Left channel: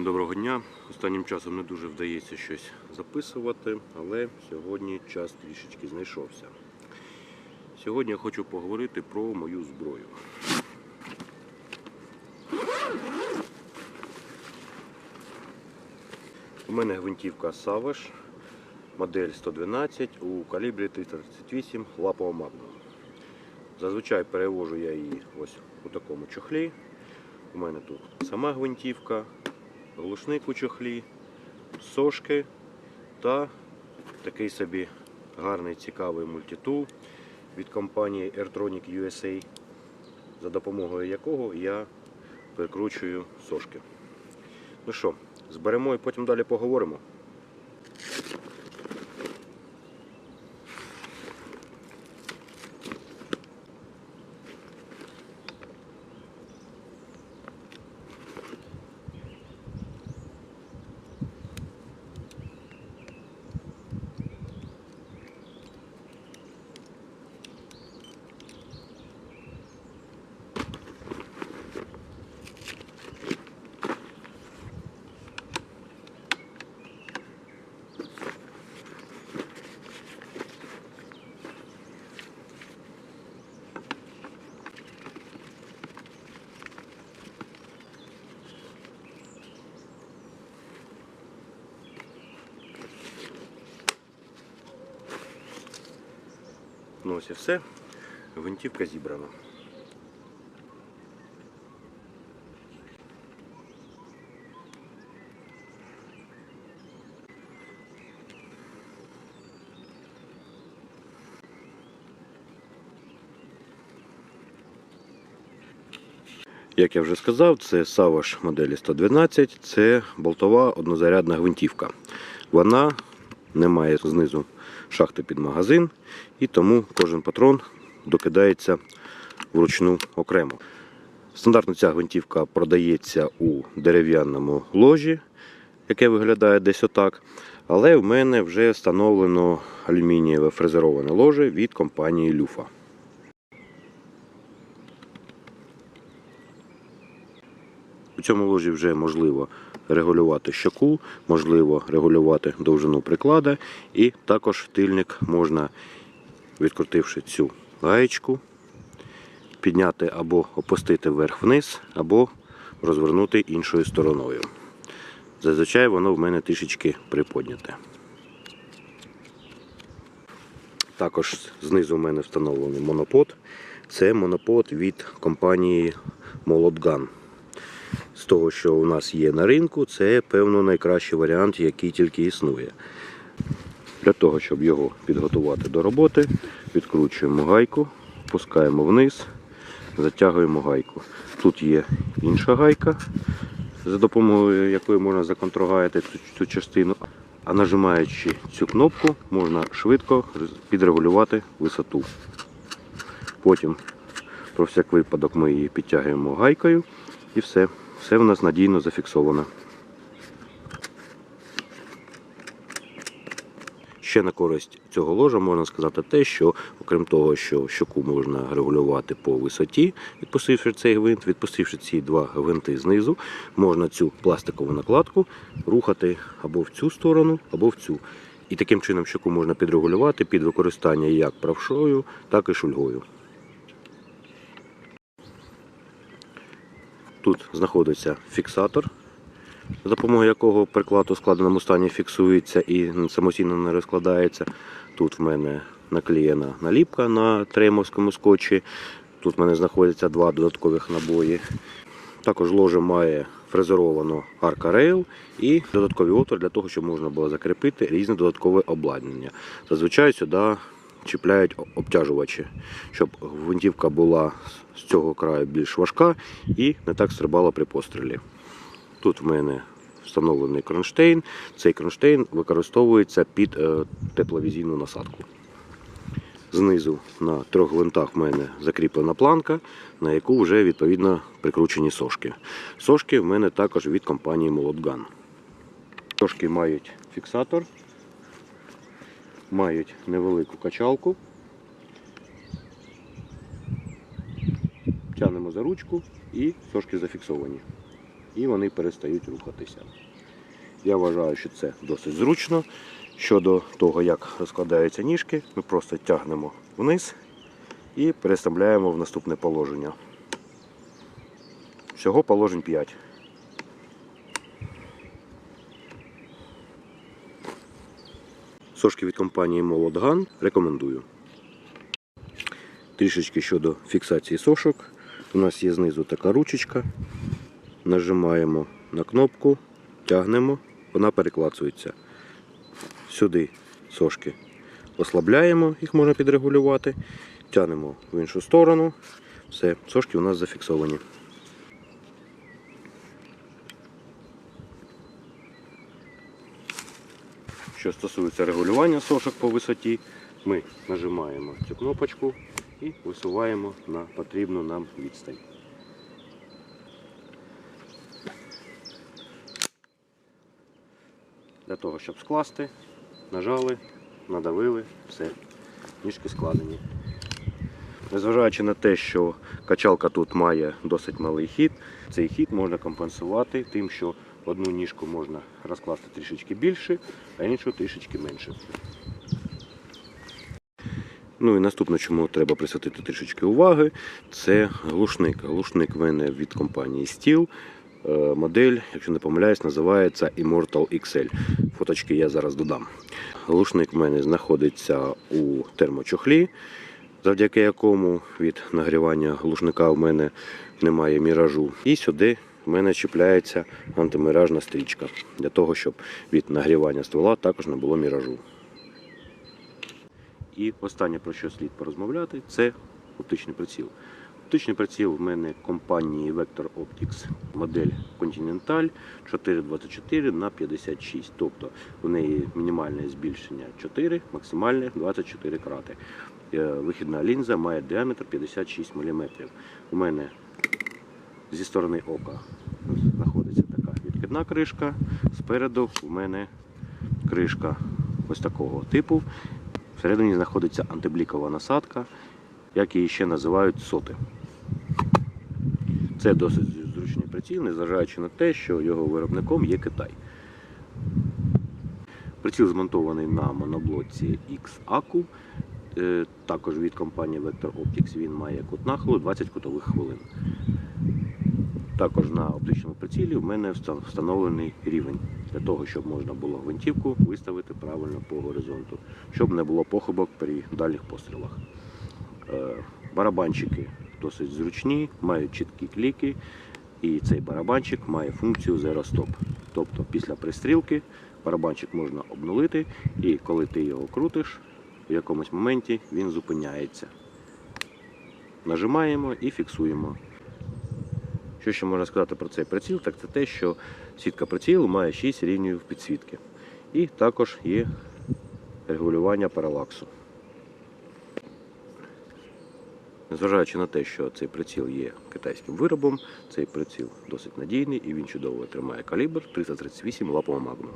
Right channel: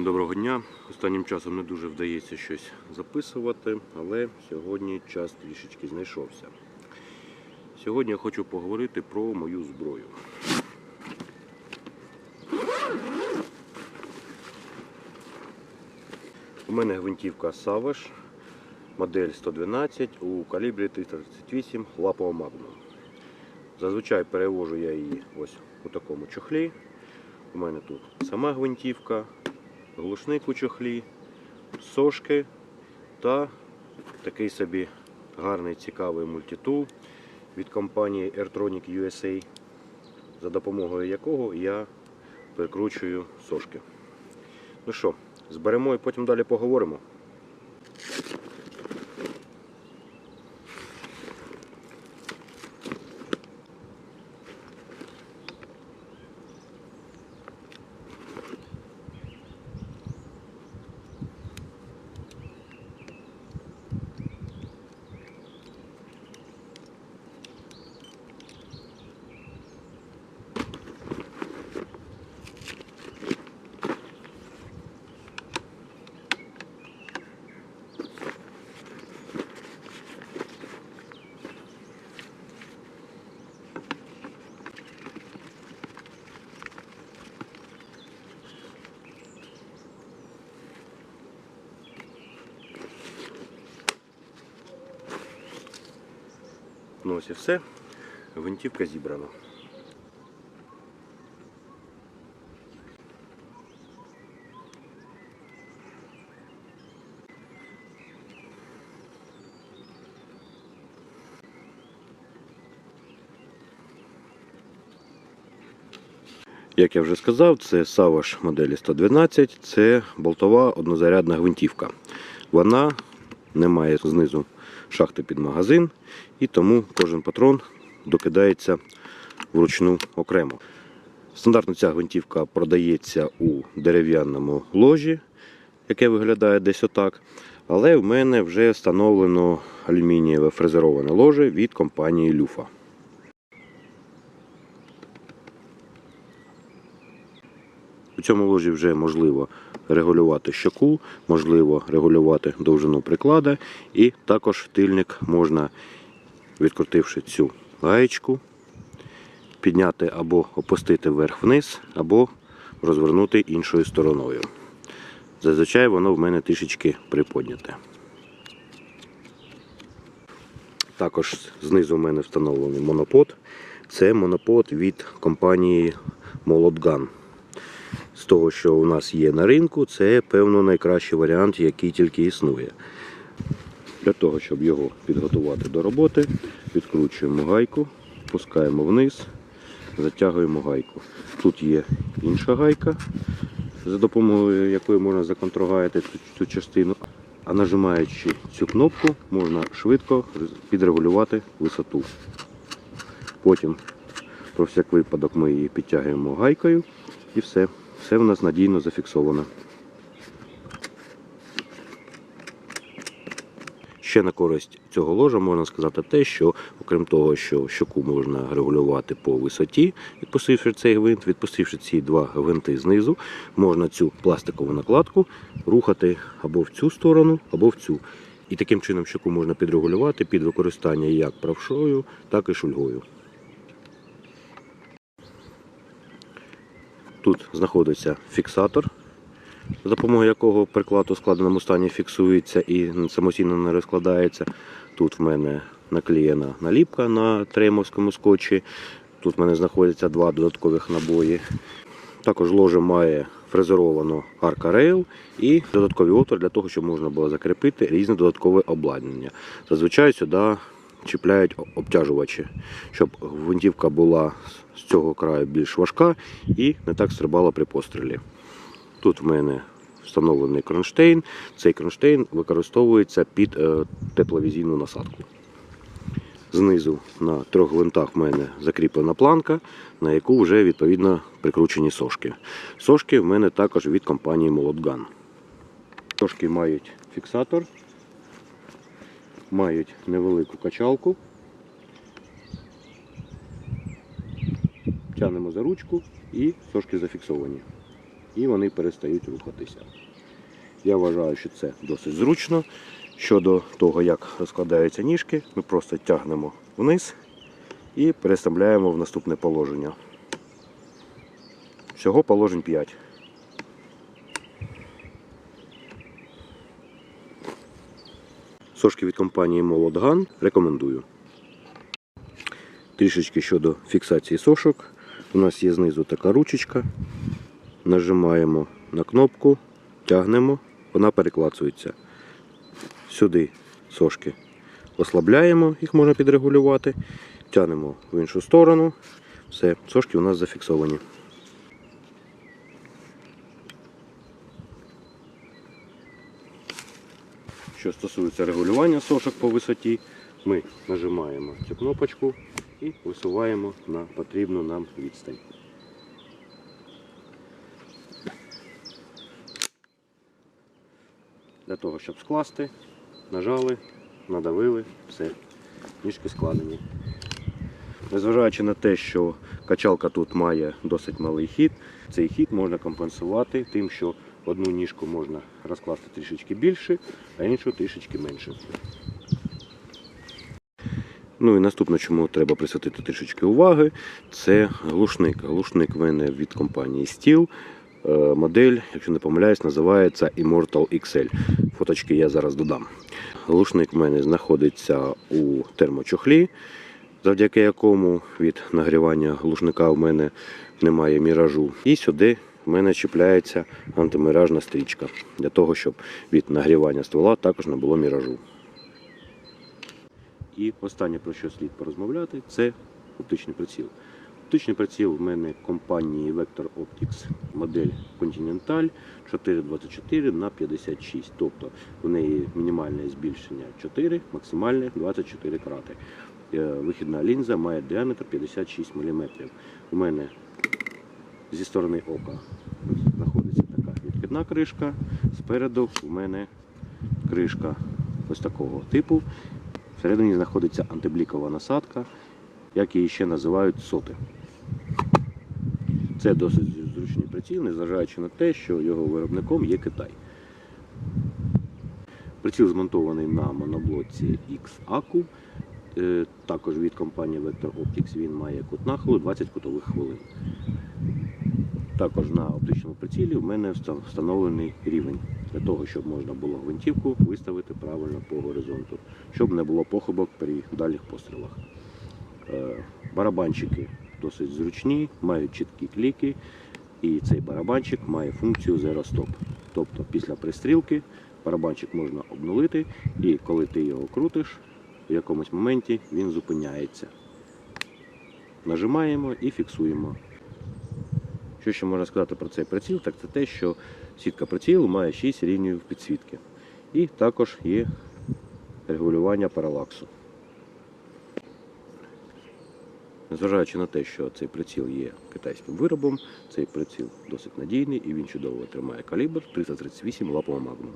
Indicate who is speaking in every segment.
Speaker 1: Всім доброго дня. Останнім часом не дуже вдається щось записувати, але сьогодні час трішечки знайшовся. Сьогодні я хочу поговорити про мою зброю. У мене гвинтівка Savage, модель 112 у калібрі 338 лапова Magnum. Зазвичай перевожу я її ось у такому чохлі. У мене тут сама гвинтівка, глушник у чохлі, сошки та такий собі гарний цікавий мультитул від компанії Airtronic USA, за допомогою якого я прикручую сошки. Ну що, зберемо і потім далі поговоримо. Ну ось і все. Гвинтівка зібрана. Як я вже сказав, це Savage моделі 112, це болтова однозарядна гвинтівка. Вона не має знизу шахти під магазин, і тому кожен патрон докидається вручну окремо. Стандартно ця гвинтівка продається у дерев'яному ложі, яке виглядає десь отак. Але в мене вже встановлено алюмінієве фрезероване ложе від компанії Люфа. У цьому ложі вже можливо регулювати щоку, можливо регулювати довжину приклада, і також тильник можна, відкрутивши цю гаєчку, підняти або опустити вверх-вниз, або розвернути іншою стороною. Зазвичай воно в мене трішечки приподняте. Також знизу в мене встановлений монопод. Це монопод від компанії Молотган з того, що у нас є на ринку, це певно найкращий варіант, який тільки існує. Для того, щоб його підготувати до роботи, відкручуємо гайку, пускаємо вниз, затягуємо гайку. Тут є інша гайка, за допомогою якої можна законтрогаяти цю, частину. А нажимаючи цю кнопку, можна швидко підрегулювати висоту. Потім, про всяк випадок, ми її підтягуємо гайкою і все. Все в нас надійно зафіксовано. Ще на користь цього ложа можна сказати те, що окрім того, що щоку можна регулювати по висоті, відпустивши цей гвинт, відпустивши ці два гвинти знизу, можна цю пластикову накладку рухати або в цю сторону, або в цю. І таким чином щоку можна підрегулювати під використання як правшою, так і шульгою. Тут знаходиться фіксатор, за допомогою якого приклад у складеному стані фіксується і самостійно не розкладається. Тут в мене наклеєна наліпка на тремовському скотчі. Тут в мене знаходяться два додаткових набої. Також ложе має фрезеровану арка-рейл і додатковий отвор для того, щоб можна було закріпити різне додаткове обладнання. Зазвичай сюди чіпляють обтяжувачі, щоб гвинтівка була з цього краю більш важка і не так стрибала при пострілі. Тут в мене встановлений кронштейн. Цей кронштейн використовується під е, тепловізійну насадку. Знизу на трьох гвинтах в мене закріплена планка, на яку вже відповідно прикручені сошки. Сошки в мене також від компанії Молотган. Сошки мають фіксатор, мають невелику качалку. Тянемо за ручку і сошки зафіксовані. і вони перестають рухатися. Я вважаю, що це досить зручно. Щодо того, як розкладаються ніжки, ми просто тягнемо вниз і переставляємо в наступне положення. Всього положень 5. Сошки від компанії Молодган рекомендую. Трішечки щодо фіксації сошок. У нас є знизу така ручечка. Нажимаємо на кнопку, тягнемо, вона переклацується. Сюди сошки ослабляємо, їх можна підрегулювати. Тягнемо в іншу сторону. Все, сошки у нас зафіксовані. Що стосується регулювання сошок по висоті, ми нажимаємо цю кнопочку і висуваємо на потрібну нам відстань. Для того, щоб скласти, нажали, надавили, все, ніжки складені. Незважаючи на те, що качалка тут має досить малий хід, цей хід можна компенсувати тим, що одну ніжку можна розкласти трішечки більше, а іншу трішечки менше. Ну і наступне, чому треба присвятити трішечки уваги, це глушник. Глушник в мене від компанії Steel. Е, Модель, якщо не помиляюсь, називається Immortal XL. Фоточки я зараз додам. Глушник в мене знаходиться у термочохлі, завдяки якому від нагрівання глушника в мене немає міражу. І сюди в мене чіпляється антиміражна стрічка для того, щоб від нагрівання ствола також не було міражу. І останнє про що слід порозмовляти, це оптичний приціл. Оптичний приціл в мене компанії Vector Optics модель Continental 424 на 56. Тобто в неї мінімальне збільшення 4, максимальне 24 крати. Е, Вихідна лінза має діаметр 56 мм. У мене зі сторони ока знаходиться така відкидна кришка. Спереду у мене кришка ось такого типу. Всередині знаходиться антиблікова насадка, як її ще називають соти. Це досить зручний приціл, незважаючи на те, що його виробником є Китай. Приціл змонтований на моноблоці X-ACU. Е, Також від компанії Vector Optics він має кут нахилу 20 кутових хвилин. Також на оптичному прицілі в мене встановлений рівень для того, щоб можна було гвинтівку виставити правильно по горизонту, щоб не було похибок при дальніх пострілах. Е, Барабанчики досить зручні, мають чіткі кліки, і цей барабанчик має функцію Zero Stop. Тобто після пристрілки барабанчик можна обнулити, і коли ти його крутиш, в якомусь моменті він зупиняється. Нажимаємо і фіксуємо. Що ще можна сказати про цей приціл, так це те, що сітка прицілу має 6 рівнів підсвітки. І також є регулювання паралаксу. Незважаючи на те, що цей приціл є китайським виробом, цей приціл досить надійний і він чудово тримає калібр 338 лапового магнум.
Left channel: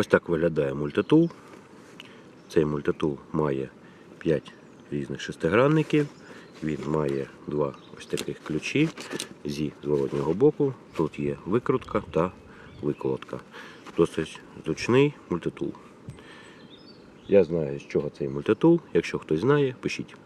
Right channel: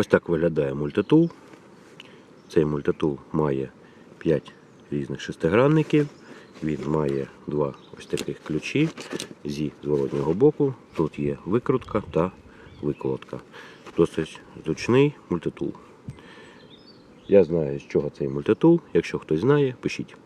Speaker 1: Ось так виглядає мультитул. Цей мультитул має 5 різних шестигранників. Він має два ось таких ключі зі зворотнього боку. Тут є викрутка та виколотка. Досить зручний мультитул. Я знаю, з чого цей мультитул. Якщо хтось знає, пишіть.